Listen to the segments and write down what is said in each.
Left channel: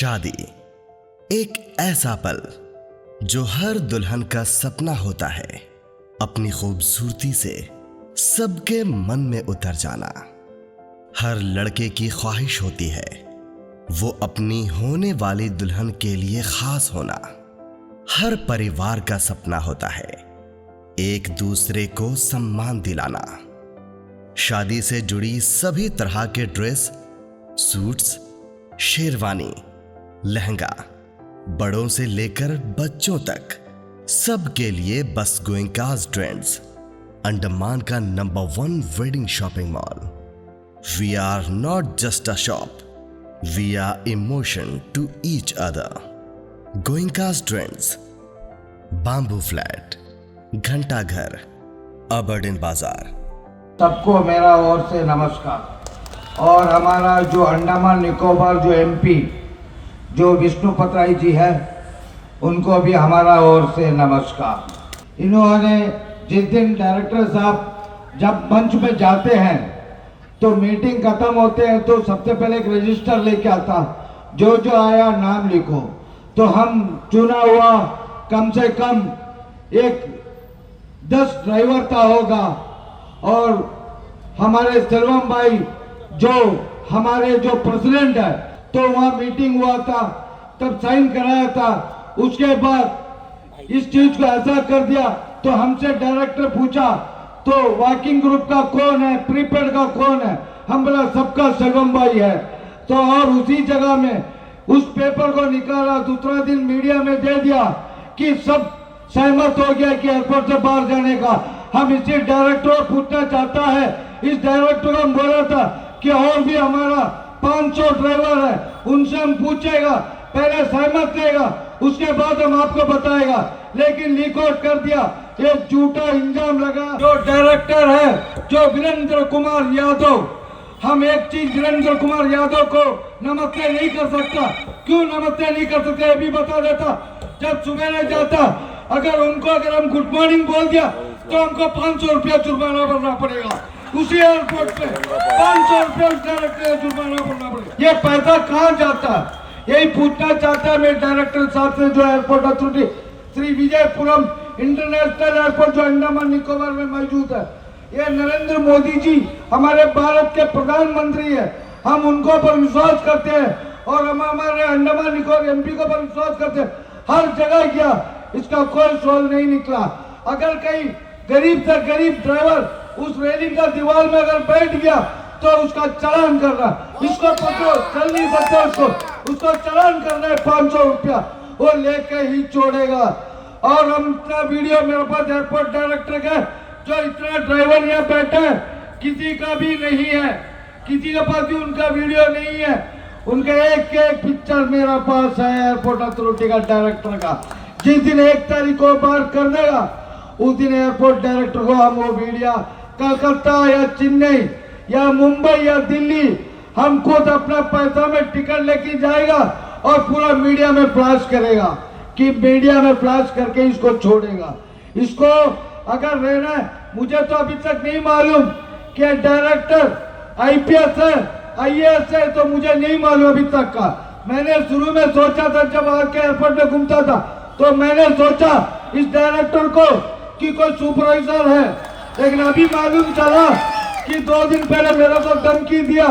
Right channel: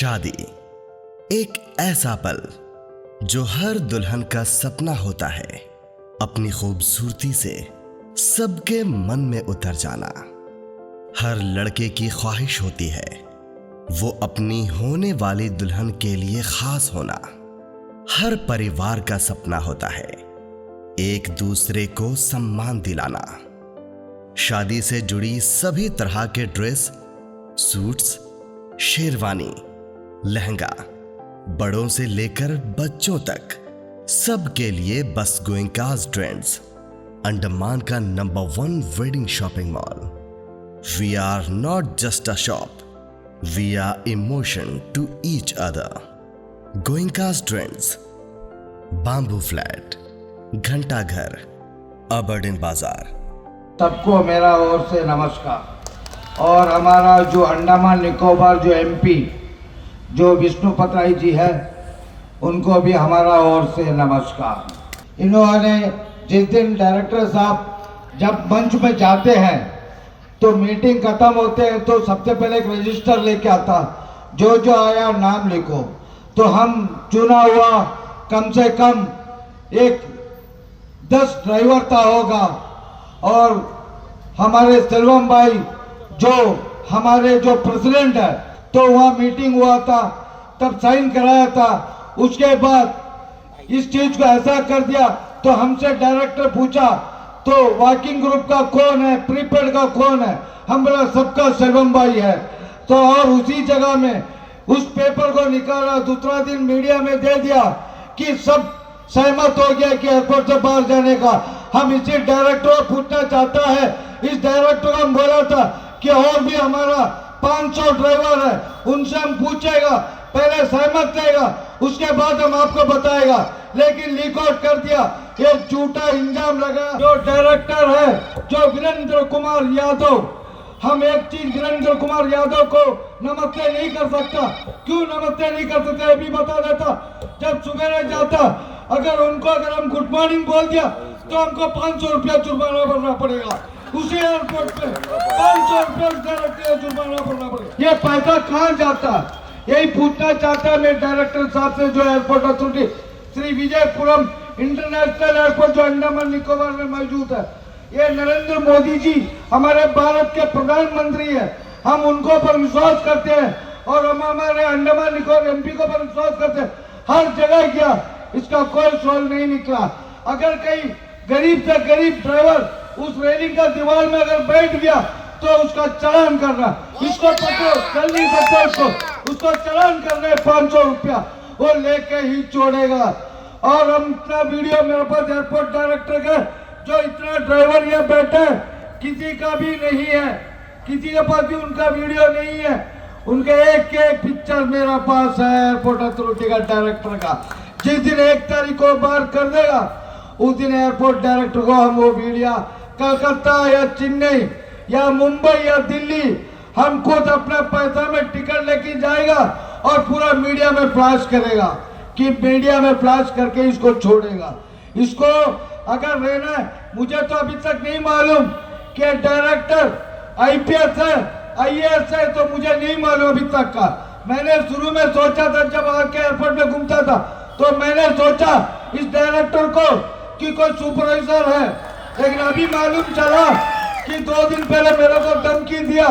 शादी एक ऐसा पल जो हर दुल्हन का सपना होता है, अपनी खूबसूरती से सबके मन में उतर जाना। हर लड़के की ख्वाहिश होती है वो अपनी होने वाली दुल्हन के लिए खास होना। हर परिवार का सपना होता है एक दूसरे को सम्मान दिलाना। शादी से जुड़ी सभी तरह के ड्रेस, सूट्स, शेरवानी, लहंगा, बड़ों से लेकर बच्चों तक सबके लिए बस गोइंकास ट्रेंड्स, अंडमान का number 1 wedding shopping mall. We are not just a shop, we are emotion to each other. Goenka's trends, bamboo flat, घंटा घर, अबरडीन बाजार। सबको मेरा ओर से नमस्कार। और हमारा जो अंडमान निकोबार जो एमपी जो विष्णु पत्राई जी है, उनको भी हमारा ओर से नमस्कार। इन्होंने जिस दिन डायरेक्टर साहब जब मंच में जाते हैं तो मीटिंग खत्म होते हैं तो सबसे पहले एक रजिस्टर लेके आता, जो जो आया नाम लिखो। तो हम चुना हुआ कम से कम एक 10 ड्राइवर था होगा, और हमारे सेल्वम भाई जो हमारे जो प्रेसिडेंट है, तो वहाँ मीटिंग हुआ था तब साइन कराया था। उसके बाद इस चीज को ऐसा कर दिया तो हमसे डायरेक्टर पूछा तो वॉकिंग ग्रुप का कौन है, प्रीपेड का कौन है, हम बोला सबका सेल्वम भाई है। तो और उसी जगह में उस पेपर को निकाला, दूसरा दिन मीडिया में दे दिया कि सब सहमत हो गया कि एयरपोर्ट से बाहर जाने का। हम इसी डायरेक्टर को पूछना चाहता है, इस डायरेक्टर को हम बोला था कि और भी हमारा 500 ड्राइवर है, उनसे हम पूछेगा, पहले सहमत रहेगा, उसके बाद हम आपको बताएगा। लेकिन लीक आउट कर दिया, ये झूठा इंजाम लगा। जो डायरेक्टर है जो वीरेंद्र कुमार यादव, हम एक चीज वीरेंद्र कुमार यादव को नमस्ते नहीं कर सकता। क्यों नमस्ते नहीं कर सकते भी बता देता। जब सवेरे जाता, अगर हम गुड मॉर्निंग बोल दिया तो हमको 500 रुपया जुर्माना भरना पड़ेगा। उसी एयरपोर्ट पे 500 रुपया डायरेक्टर जुर्माना भरना पड़ेगा। ये पैसा कहाँ जाता है, यही पूछना चाहता है मैं डायरेक्टर साहब से, जो airport authority Shri Vijayapuram international airport जो अंडमान निकोबार में मौजूद है। ये नरेंद्र मोदी जी हमारे भारत के प्रधानमंत्री है, हम उनको पर विश्वास करते हैं और हम हमारे अंडमान निकोबार एमपी को पर विश्वास करते हैं। हर जगह गया, इसका कोई सोल्व नहीं निकला। अगर कहीं गरीब से गरीब ड्राइवर उस रेलिंग का दीवार में अगर बैठ गया तो उसका चालान करना, इसको पकड़ो, चल नहीं सकता उसको चालान करना है 500 रुपया, वो लेके ही छोड़ेगा। और हम इतना वीडियो मेरे पास एयरपोर्ट डायरेक्टर का जो इतना ड्राइवर यहाँ बैठे किसी का भी नहीं है, किसी के पास भी उनका वीडियो नहीं है। उनके एक पिक्चर मेरे पास है एयरपोर्ट अथॉरिटी का डायरेक्टर का। जिस दिन 1 तारीख को बाहर कर देगा, उस दिन एयरपोर्ट डायरेक्टर को हम वो वीडियो कलकत्ता या चेन्नई या मुंबई या दिल्ली, हम खुद अपना पैसा में टिकट लेके जाएगा और पूरा मीडिया में फ्लैश करेगा कि मीडिया में फ्लैश करके इसको छोड़ेगा। इसको अगर रहना, मुझे तो अभी तक नहीं मालूम कि डायरेक्टर आईपीएस है, आईएएस है, तो मुझे नहीं मालूम अभी तक का। मैंने शुरू में सोचा था, जब आके एयरपोर्ट में घूमता था तो मैंने सोचा इस डायरेक्टर को कि कोई सुपरवाइजर है, लेकिन अभी मालूम चला कि 2 दिन पहले मेरे को धमकी दिया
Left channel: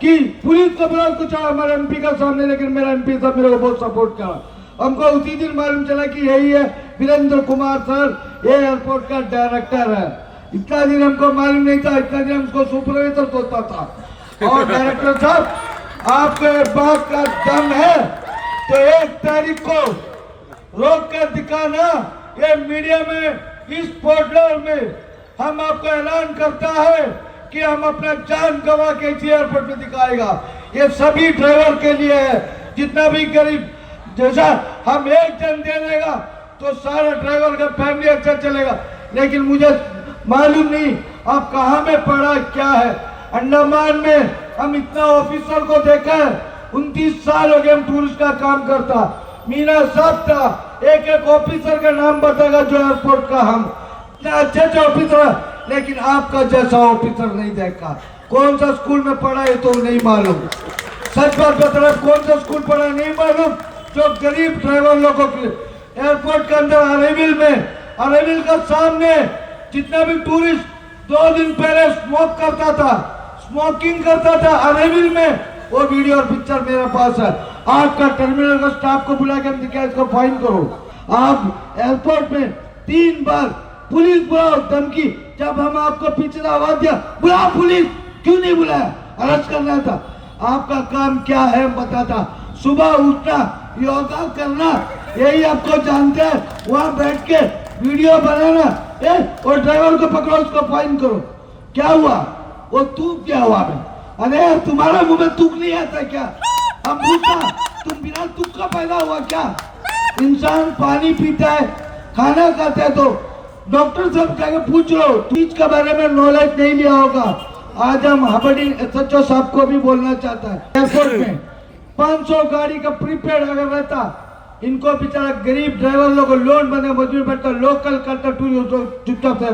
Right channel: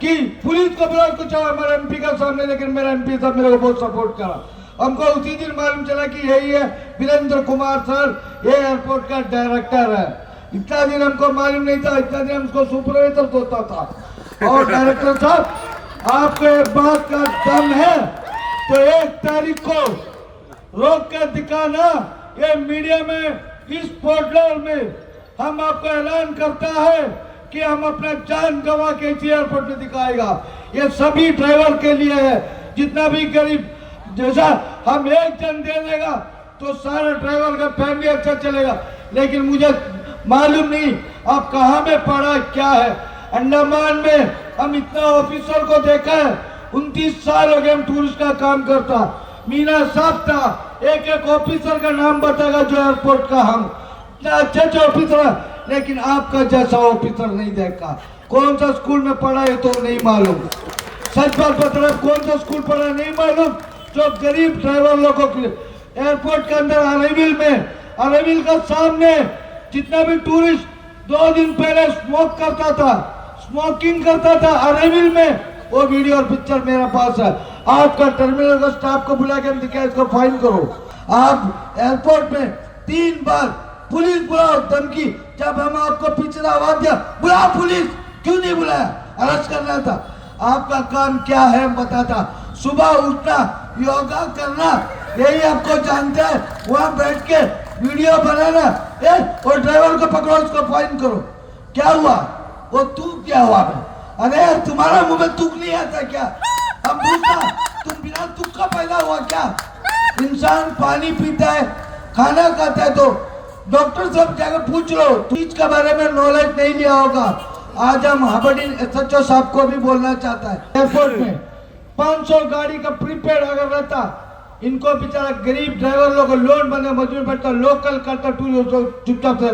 कि पुलिस का बड़ा कुछ हमारे एमपी का सामने, लेकिन मेरे एमपी साहब मेरे को बहुत सपोर्ट करा। हमको उसी दिन मालूम चला कि यही है वीरेंद्र कुमार सर, ये एयरपोर्ट का डायरेक्टर है। इतना दिन हमको मालूम नहीं था, इतना दिन हमको सुपरवाइजर सोचता था। और डायरेक्टर साहब, आपको एक बात का दम है तो 1 तारीख को रोक कर दिखाना, ये मीडिया में इस पोर्टल में हम आपको ऐलान करता है कि हम अपना जान गंवा के एयरपोर्ट में दिखाएगा। ये सभी ड्राइवर के लिए है, जितना भी गरीब, जैसा हम एक जन दे देगा तो सारा ड्राइवर का फैमिली अच्छा चलेगा। लेकिन मुझे मालूम नहीं आप कहाँ में पढ़ा क्या है। अंडमान में हम इतना ऑफिसर को देखा है, 29 साल हो गए हम टूरिस्ट का काम करता। मीना साहब था, एक ऑफिसर का नाम बताएगा जो एयरपोर्ट का, हम अच्छे ऑफिसर, लेकिन आपका जैसा ऑफिसर नहीं देखा। कौन सा स्कूल में पढ़ा है तो नहीं मालूम। सच बात बताना, कौन सा स्कूल पढ़ा नहीं मालूम, जो गरीब ड्राइवर लोगों के लिए एयरपोर्ट के अंदर अरेविल का सामने जितना भी टूरिस्ट 2 दिन पहले स्मोकिंग करता था अरेविल में, वो वीडियो और पिक्चर मेरे पास है। आपका टर्मिनल का स्टाफ को बुला के दिखाया, इसको फाइन करो। आप एयरपोर्ट में 3 बार पुलिस बुलाओ, धमकी, जब हम आपको पीछे आवाज दिया बुला पुलिस, क्यों नहीं बुलाया? अरेस्ट करना था। आपका काम क्या है बताता, सुबह उठना, योगा करना, यही आपको जानते हैं। वहां बैठ के वीडियो बनाना और ड्राइवर को पकड़ो, उसको फाइन करो। क्या हुआ? वो तूक क्या हुआ? अरे यार तुम्हारा मुंह में तुक नहीं आता क्या? हम पूछना, तुम बिना तुक का पैदा हुआ क्या? इंसान पानी पीता है, खाना खाता है, तो डॉक्टर साहब जाकर पूछ लो, चीज के बारे में नॉलेज नहीं लिया होगा। आज हम अबडिन एसएचओ साहब को भी बोलना चाहता है, एयरपोर्ट में 500 गाड़ी का प्रीपेड अगर रहता, इनको बेचारा गरीब ड्राइवर लोग लोन बने मजदूर बैठता, लोकल करता, चुपचाप से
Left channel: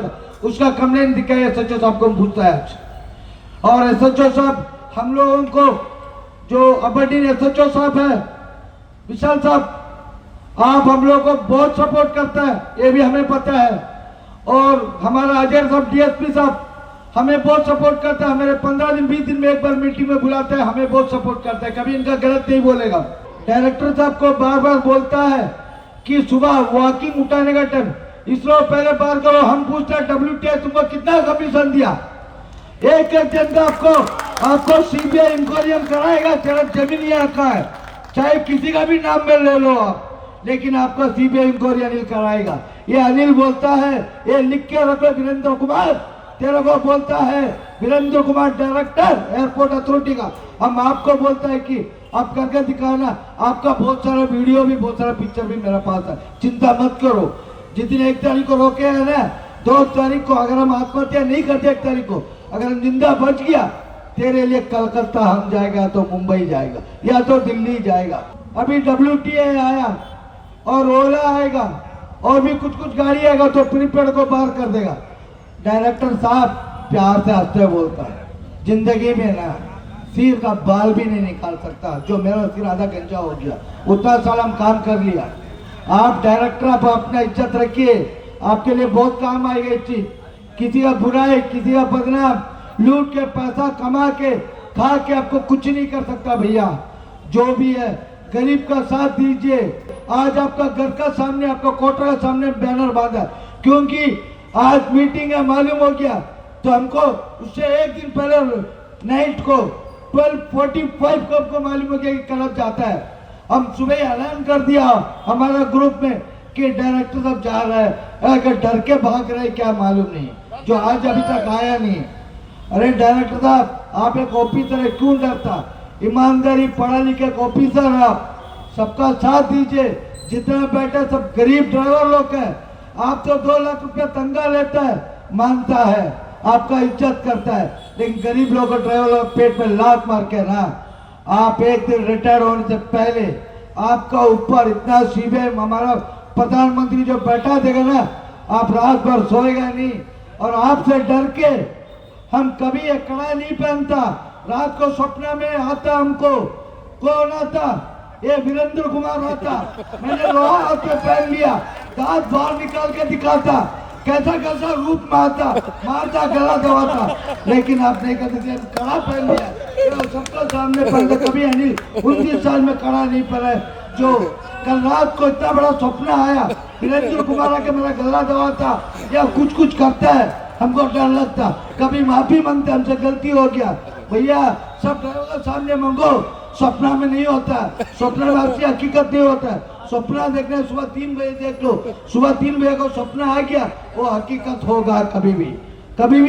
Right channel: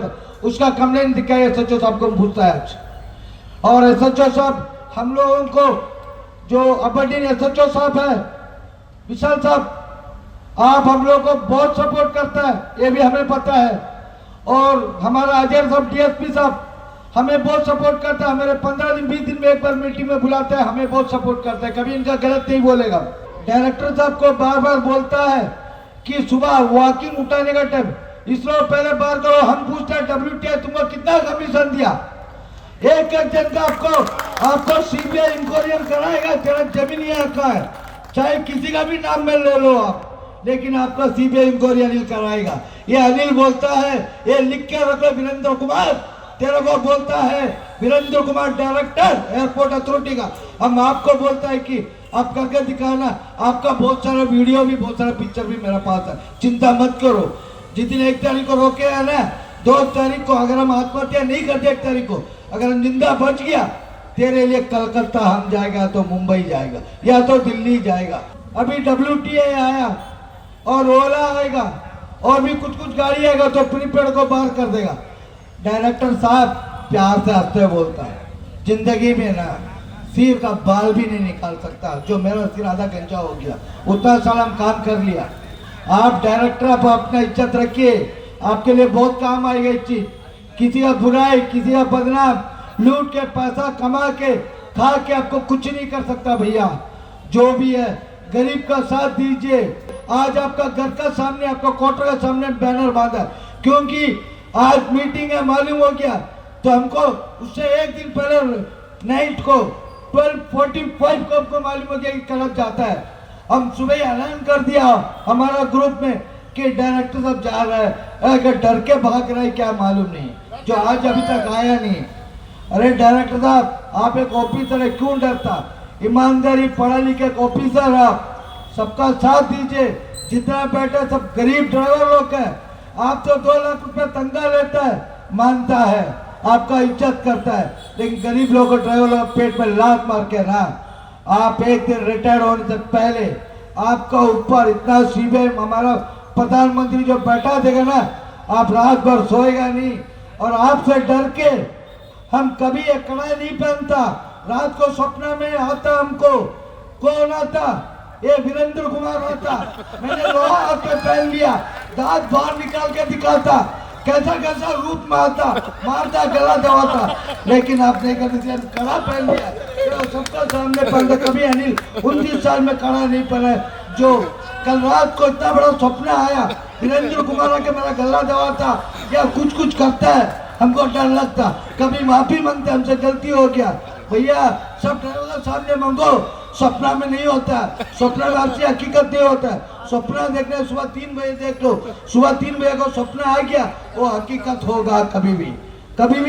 उसका कंप्लेन दिखाया एसएचओ साहब को पूछता है आज। और एसएचओ साहब हम लोगों को, जो अबडिन एसएचओ साहब है विशाल साहब, आप हम लोग को बहुत सपोर्ट करता है, ये भी हमें पता है। और हमारा अजय साहब डीएसपी साहब हमें बहुत सपोर्ट करता है, हमारे 15 दिन 20 दिन में एक बार मीटिंग में बुलाता है, हमें बहुत सपोर्ट करता है, कभी इनका गलत नहीं बोलेगा। डायरेक्टर साहब को बार बार बोलता है कि सुबह वॉकिंग उठाने का टाइम इसरो पहले बार करो। हम पूछते हैं WTI तुमको कितना कमीशन दिया? एक जन का आपको सीबीआई इंक्वायरी कराएगा, तेरा जमीन यहाँ का है, चाहे किसी का भी नाम में ले लो आप, लेकिन आपका सीबीआई इंक्वायरी अनिल कराएगा। ये अनिल बोलता है, ये लिख के रखो, वीरेंद्र कुमार तेरे को बोलता है, Virendra Kumar director airport authority का। हम आपको बोलता है कि आप करके दिखाना, आपका बहुत सारा वीडियो भी, बहुत सारा पिक्चर भी मेरे पास है, चिंता मत करो। जिस दिन 1 तारीख को रोके है ना, 2 तारीख को अगर हम आत्महत्या नहीं करते, 1 तारीख को अगर निंदा बच गया, तेरे लिए कलकत्ता हम जाएगा, तो मुंबई जाएगा, या तो दिल्ली जाएगा। अभी WTI आया और ओला आएगा और भी कुछ गाड़ी आएगा, तो प्रीपेड को बाहर कर देगा। डायरेक्टर साहब प्यार से हंसते बोलता है, जिंदगी में ना सिर का बाल भी नहीं निकाल सकता, जो मेरा सिर आधा घंटा हो गया, उतना साल हम काम कर लिया। आप डायरेक्टर, आप अपना इज्जत रखिए, आपके लिए बहुत काम आएगा ये चीज। किसी का बुराई, किसी का बदनाम, लूट के पैसा कमा के खा के आपको कुछ नहीं कर सकता भैया। जो भी है गरीब का साथ दीजिए। आज आपका घर का सामने, आपका क्वार्टर का सामने बैनर बांधा, क्योंकि आज मीटिंग है, मालूम हो गया, तो हमको उससे 1 दिन पहले नाइट को 12:45 को हमको मालूम हो गया कि करब जाता है। हम सुबह ऐलान कर दिया हमारा ग्रुप में कि डायरेक्टर साहब जा रहा है, अगर डर के भाग रहे क्या मालूम नहीं, जो आज अभी तक आया नहीं। अरे डायरेक्टर साहब, आप एक ऑफिसर है, क्यों डरता? ईमानदारी, पढ़ा लिखे ऑफिसर, आप सबका साथ दीजिए। जितना बैठा सब गरीब ड्राइवर लोग है। आप तो 2 लाख रुपए तनख्वाह लेता है, मानता है, आपका इज्जत करता है, लेकिन गरीब लोग को ड्राइवर पेट में लात मार के ना, आप एक दिन रिटायर होने से पहले आपका ऊपर इतना सीबे हमारा प्रधानमंत्री जो बैठा देगा ना, आप रात भर सोएगा नहीं। और आपसे डर के हम कभी ये कड़ा नहीं पहनता। रात को सपना में आता हमको, कौन आता? ये वीरेंद्र कुमार आता। मैंने लोहा हाथ में पहन लिया, दांत बाहर निकाल के दिखाता, कैसा कैसा रूप मारता, गला दबाता, लेकिन आपने कभी कड़ा पहन लिया, तो सबका सामने पहनता। कभी अनिल 29 साल में कड़ा नहीं पहना। जो कल रात को इतना बड़ा सपना आया, वीरेंद्र कुमार आके मेरा गला दबाता या कुछ करता है, हमको डर लगता। कभी माफी मांगते, हमसे गलती हो गया भैया, सब ड्राइवर सामने मांगो, सपना में नहीं होता, सपना में आपसे हकीकत नहीं होता है। सपना देखना सुबह 3 बजे देख लो, सुबह 3 बजे का सपना आ गया, वो हकीकत होगा, कभी भी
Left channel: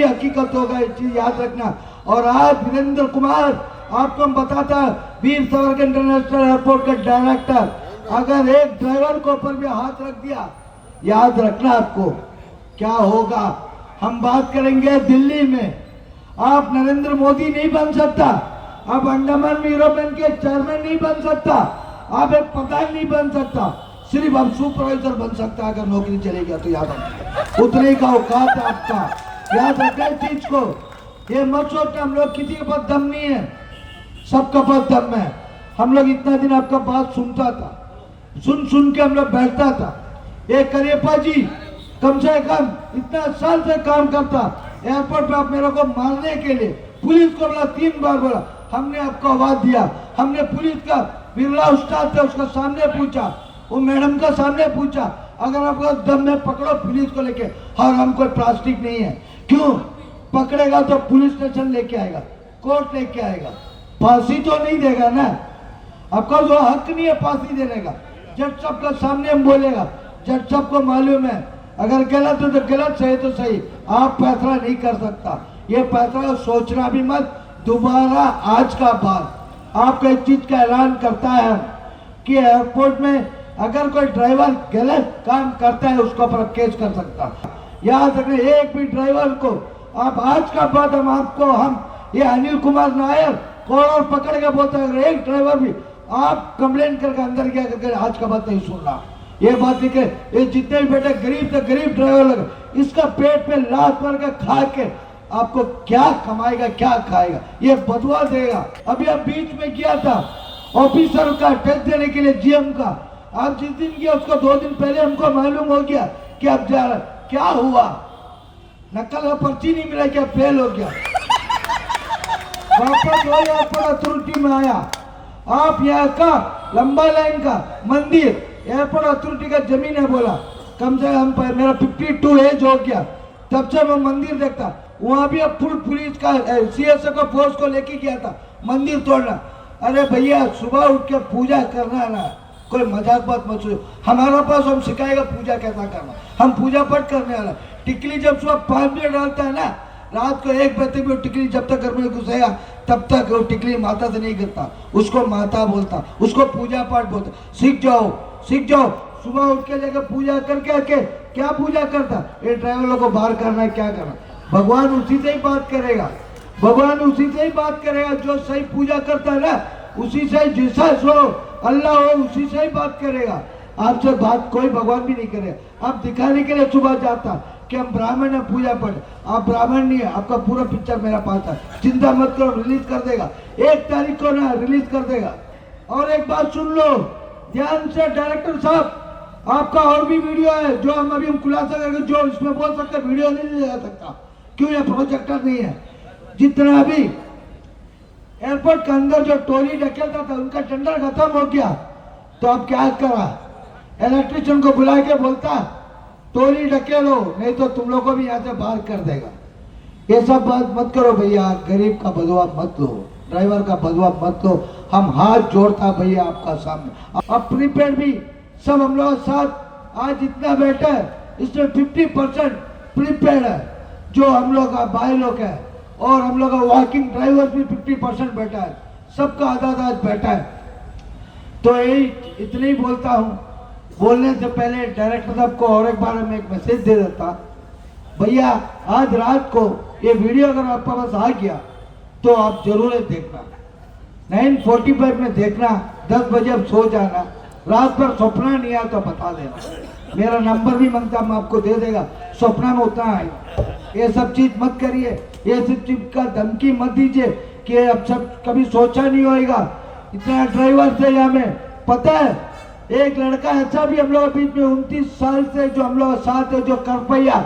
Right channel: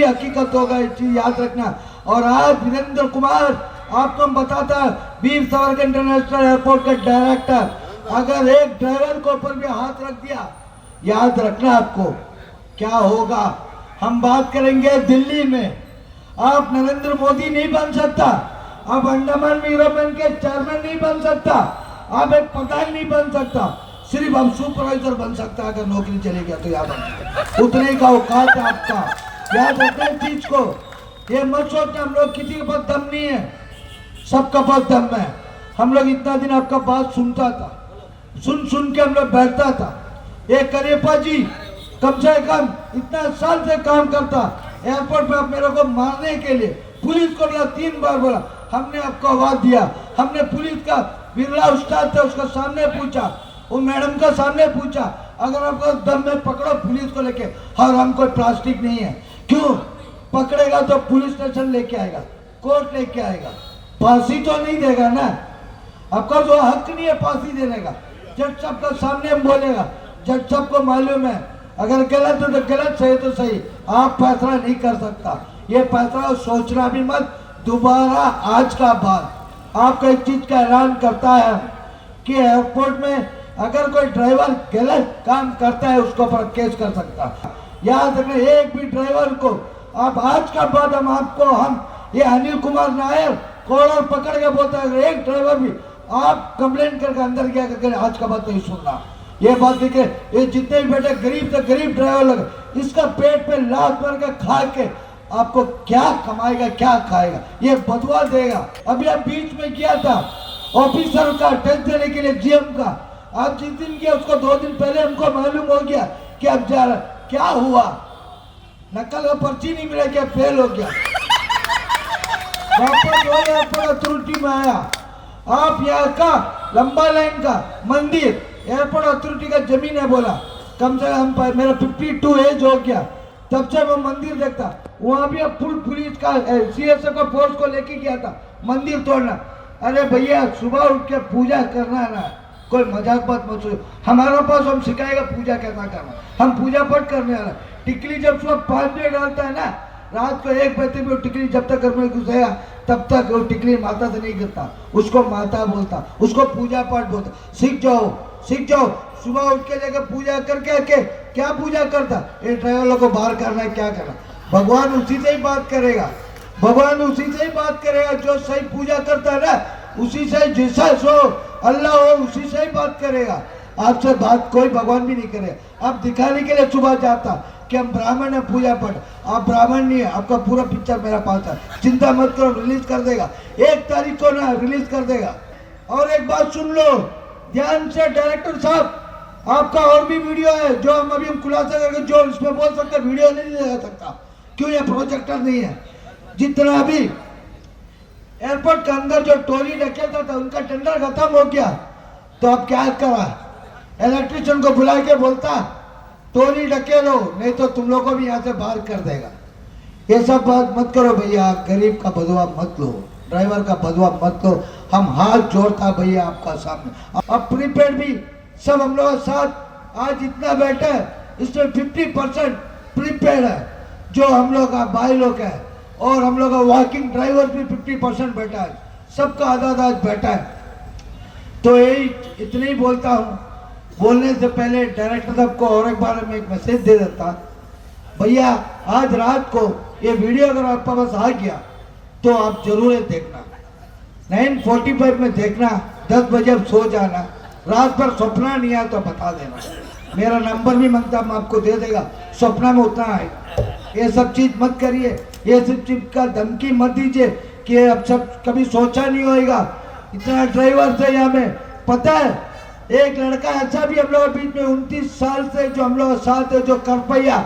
हकीकत होगा, एक चीज याद रखना। और आज वीरेंद्र कुमार आपको हम बताता है, वीर सावरकर इंटरनेशनल एयरपोर्ट के डायरेक्टर, अगर एक ड्राइवर के ऊपर भी हाथ रख दिया, याद रखना आपको क्या होगा। हम बात करेंगे दिल्ली में, आप नरेंद्र मोदी नहीं बन सकता, आप अंडमान निकोबार के चेयरमैन नहीं बन सकता, आप एक प्रधान नहीं बन सकता, सिर्फ आप सुपरवाइजर बन सकता। अगर नौकरी चली गया तो याद रखना, उतने का औकात है आपका, याद रखना चीज को। ये मत सोचना हम लोग किसी के पास दम नहीं है, सबका पास दम है। हम लोग इतना दिन आपका बात सुनता था, सुन सुन के हम लोग बैठता था। ये करियप्पा जी कम से कम इतना साल से काम करता, एयरपोर्ट पे आप मेरे को मारने के लिए पुलिस को बोला, 3 बार बोला, हमने आपको आवाज दिया। हमने पुलिस का बिरला उस्ताद थे, उसका सामने पूछा, वो मैडम का सामने पूछा, अगर आपको दम में पकड़ो पुलिस को लेके, और हम कोई प्लास्टिक नहीं है। क्यों पकड़ेगा तो पुलिस स्टेशन लेके आएगा, कोर्ट लेके आएगा, फांसी तो नहीं देगा ना। आपका जो हक नहीं है फांसी देने का। जज साहब के सामने हम बोलेगा, जज साहब को मालूम है अगर गलत हो तो गलत, सही तो सही, आप फैसला नहीं कर सकता। ये फैसला सोचना भी मत दोबारा। आज का बाद आपको एक चीज का ऐलान करता है कि एयरपोर्ट में अगर कोई ड्राइवर गलत काम करता है उसके ऊपर केस कर सकता है। याद रखना, एक भी ड्राइवर को आप आज का बाद हम ये अनिल कुमार नायर कॉलर पकड़ के बोलता है, एक ड्राइवर भी आप कंप्लेन करके अंदर क्या करके आज का बात नहीं सुनना। ये बात देखे, ये जितने भी बेटे गरीब से गरीब ड्राइवर लगे, इसका पेट पे लात मार के खा के आपको क्या कमाएगा क्या खाएगा, ये बदवा देगा। अभी आप बीच में किया था ऑफिसर का टेस्ट देने के लिए जीएम का, आप जिस दिन किया उसको 2 दिन पहले हमको मालूम हो गया कि आप जा रहे, क्या हुआ, नकल का पर्ची नहीं मिला, क्या फेल हो गया, वापस वही एयरपोर्ट अथॉरिटी में आया। आप यहाँ का लंबा लाइन का मंदिर एयरपोर्ट अथॉरिटी का जमीन है, बोला कम से कम मेरा 52 एज हो गया, तब से मैं मंदिर देखता। वहां भी अब फुल पुलिस का सीएसए को फोर्स को लेके गया था मंदिर तोड़ना। अरे भैया सुबह उठ के पूजा करना है ना, कोई मजाक बात मत सुनो। हमारे पास हम सिखाएगा पूजा कैसा करना, हम पूजा पाठ करने वाला। टिकली जब सुबह 5 बजे डालता है ना, रात को 1 बजे भी टिकली जब तक घर में घुसेगा तब तक वो टिकली माता से नहीं गिरता, उसको माता बोलता, उसको पूजा पाठ बोलता। सीख जाओ सीख जाओ। सुबह उठ के जाकर पूजा करके के क्या पूजा करता, ये ड्राइवर को बाहर करना है, क्या करना, भगवान उसी से ही बात करेगा, भगवान उसी से ही बात करेगा। जो सही पूजा करता है ना, उसी से, जीसस हो अल्लाह हो, उसी से ही बात करेगा। आपसे बात कोई भगवान भी नहीं करेगा। आप दिखाने के लिए सुबह जाता कि हम ब्राह्मण है, पूजा पाठ, आप ब्राह्मण नहीं है। आपका पूरा पिक्चर मेरा पास है, चिंता मत करो, रिलीज कर देगा 1 तारीख को ना, रिलीज कर देगा। और एक बात सुन लो ध्यान से डायरेक्टर साहब, आपका और भी वीडियो है जो हम अभी खुलासा करके जो इसमें बोल सकते, वीडियो नहीं ले सकता, क्यों, ये प्रोजेक्टर नहीं है। जितना अभी एयरपोर्ट के अंदर जो टोली ढकेलता था उनका टेंडर खत्म हो गया, तो अब क्या करा, इलेक्ट्रिशियन को बुला के बोलता टोली ढकेलो, नहीं तो तुम लोग को भी यहाँ से बाहर कर देगा। ये सब बात मत करो भैया, गरीब का बदवा मत लो, ड्राइवर का बदवा मत लो। हम हाथ जोड़ता भैया आपका सामने। अब प्रीपेड भी सब हम लोग साथ आज इतना बैठा है, इसमें 50% प्रीपेड है जो हम लोग का भाई लोग है, और हम लोग का वॉकिंग ड्राइवर भी 50% बैठा है, सबका आधा आधा बैठा है। तो यही इतना ही बोलता हूँ। बोलने से पहले डायरेक्टर साहब को और एक बार में एक मैसेज दे देता, भैया आज रात को ये वीडियो अगर आपके पास आ गया तो आप जरूर देखना, 9:45 में देखना, 10 बजे अब सो जाना, रात भर सपना नहीं आया तो बता देना, मेरा नंबर भी मांगता हम आपको दे देगा, सपना में उतना आएगा। ये सब चीज मत करिए, ये सब चीज का धमकी मत दीजिए कि अब सब कभी सोचा नहीं होगा। इतना ड्राइवर से यहाँ में पता है, एक लड़का ऐसा भी हम लोग के बीच में 29 साल से जो हम लोग साथ है, जो कर पाया,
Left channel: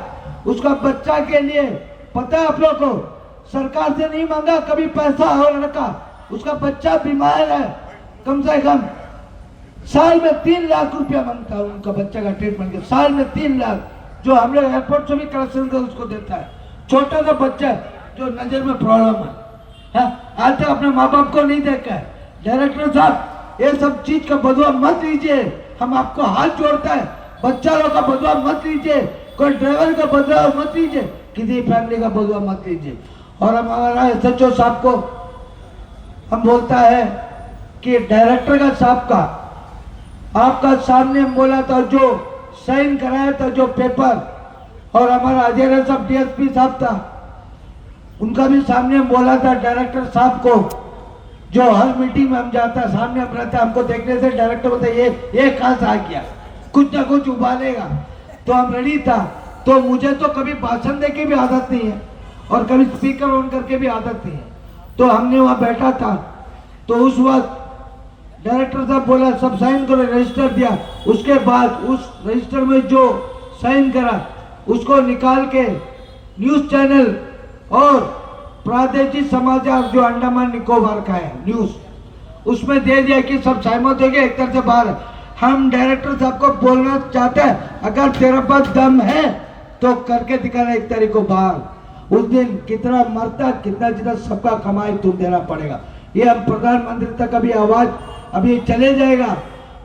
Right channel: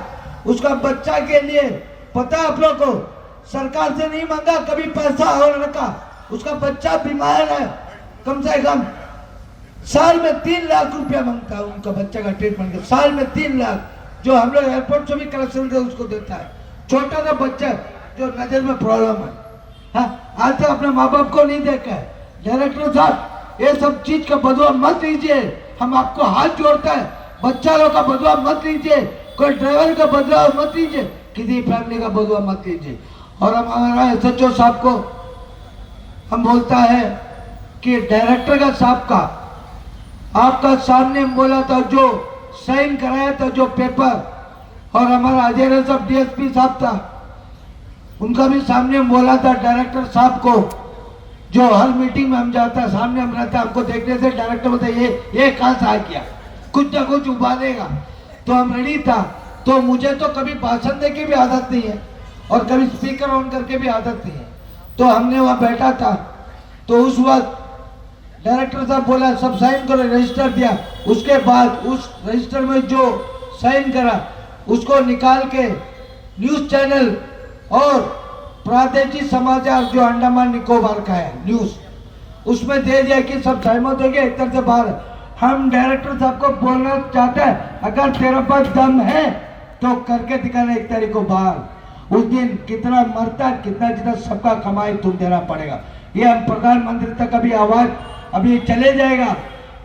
उसका बच्चा के लिए पता है आप लोग को, सरकार से नहीं मांगा कभी पैसा, हो लड़का उसका बच्चा बीमार है, कम से कम साल में 3 लाख रुपया मांगता है उनका बच्चा का ट्रीटमेंट के, साल में 3 लाख, जो हम लोग एयरपोर्ट से भी कलेक्शन कर उसको देता है। छोटा सा बच्चा है जो नजर में प्रॉब्लम है, हाँ, आज तक अपने माँ बाप को नहीं देखा है। डायरेक्टर साहब ये सब चीज का बदवा मत लीजिए, हम आपको हाथ जोड़ता है, बच्चा लोग का बदवा मत लीजिए, कोई ड्राइवर का बदवा मत लीजिए, किसी फैमिली का बदवा मत लीजिए। और हम हमारा एसएचओ साहब को हम बोलता है कि डायरेक्टर का साहब का आपका सामने बोला था, जो साइन कराया था जो पेपर, और हमारा अजय साहब डीएसपी साहब था, उनका भी सामने बोला था डायरेक्टर साहब को, जो हर मीटिंग में हम जाता है सामने हम रहते हैं, हमको देखने से डायरेक्टर बोलते ये कहां से आ गया, कुछ ना कुछ उबालेगा, तो हम रेडी था। तो मुझे तो कभी भाषण दे के भी आदत नहीं है और कभी स्पीकर ऑन करके भी आदत नहीं है, तो हमने वहां बैठा था, तो उस वक्त डायरेक्टर साहब बोला सब साइन करो, रजिस्टर दिया। उसके बाद उस रजिस्टर में जो साइन करा उसको निकाल के न्यूज चैनल और प्रादेशिक समाचार जो अंडमान निकोबार का है न्यूज, उसमें दे दिया कि सब सहमत हो गए, एक तरह से बाहर है। हम डायरेक्टर साहब को बोलना चाहते हैं अगर तेरे पास दम है तो करके दिखाना 1 तारीख को बाहर। उस दिन कितना मरता कितना जितना सबका कमाई तुम देना पड़ेगा। ये हम प्रधानमंत्री तक अभी आवाज अभी चले जाएगा।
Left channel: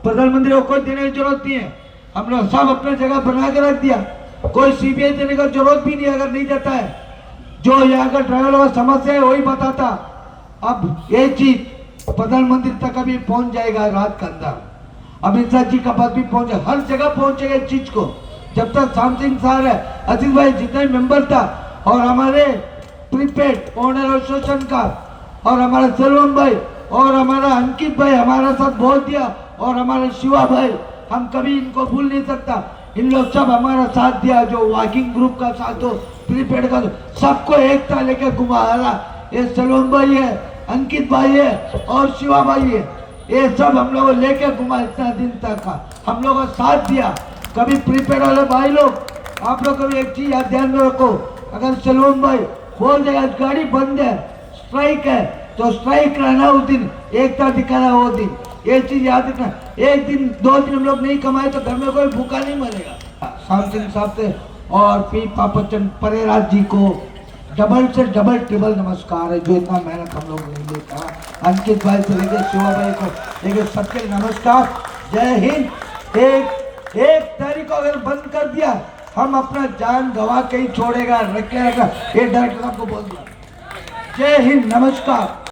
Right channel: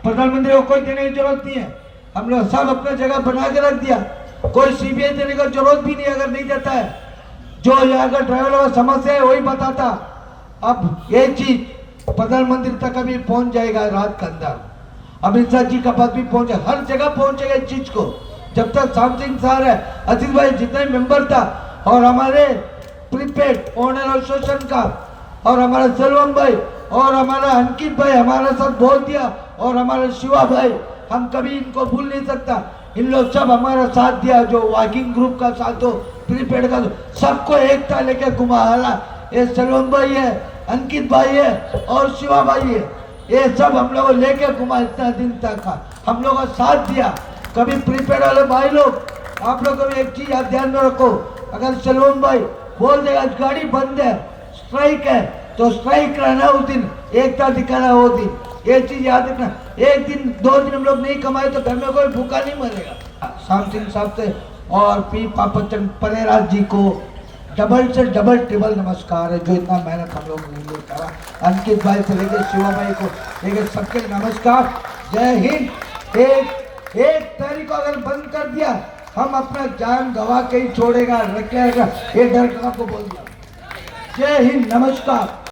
प्रधानमंत्री को कोई देने की जरूरत नहीं है, हम लोग सब अपने जगह बना के रख दिया। कोई सीबीआई देने का जरूरत भी नहीं अगर नहीं देता है। जो यहाँ का ड्राइवर का समस्या है वही बताता। अब ये चीज प्रधानमंत्री तक अभी पहुंच जाएगा रात के अंदर, अमित शाह जी का पास भी पहुंचे, हर जगह पहुंचेगा इस चीज को। जब तक शाम सिंह साहब है, अजीत भाई जितने मेंबर था और हमारे प्रीपेड ओनर एसोसिएशन का और हमारा सलमान भाई और हमारा अंकित भाई हमारा सब बोल दिया और हमारे शिवा भाई, हम कभी इनको भूल नहीं सकता। इन लोग सब हमारा साथ दिया, जो वॉकिंग ग्रुप का साथ हो, प्रीपेड का, सबको एकता लेकर घुमा रहा। ये सलमान भाई है, अंकित भाई है और शिवा भाई है, ये सब हम लोग लेके घुमा इतना दिन तक का हम लोग का साथ दिया। कभी प्रीपेड वाले भाई लोग आप लोग कभी एक चीज ध्यान में रखो, अगर सलमान भाई बोल देगा गाड़ी बंद है, स्ट्राइक है, तो स्ट्राइक रहना उस दिन, एकता दिखाना वो दिन, ये चीज याद रखना। एक दिन 2 दिन हम लोग नहीं कमाए तो घर में कोई भूखा नहीं मरेगा। शाम सिंह साहब से और पी पापचंद परेराज जी को डबल से डबल ट्रिबल नमस्कार है, जो इतना मेहनत हम लोगों ने लिए करा। अंकित भाई से लेकर शिवा भाई को लेकर सबके नमस्कार, जय हिंद। एक तारीख को अगर बंद कर दिया हम अपना जान गवा के ही छोड़ेगा, रखेगा, ये डायरेक्टर को बोल दिया। जय हिंद, नमस्कार।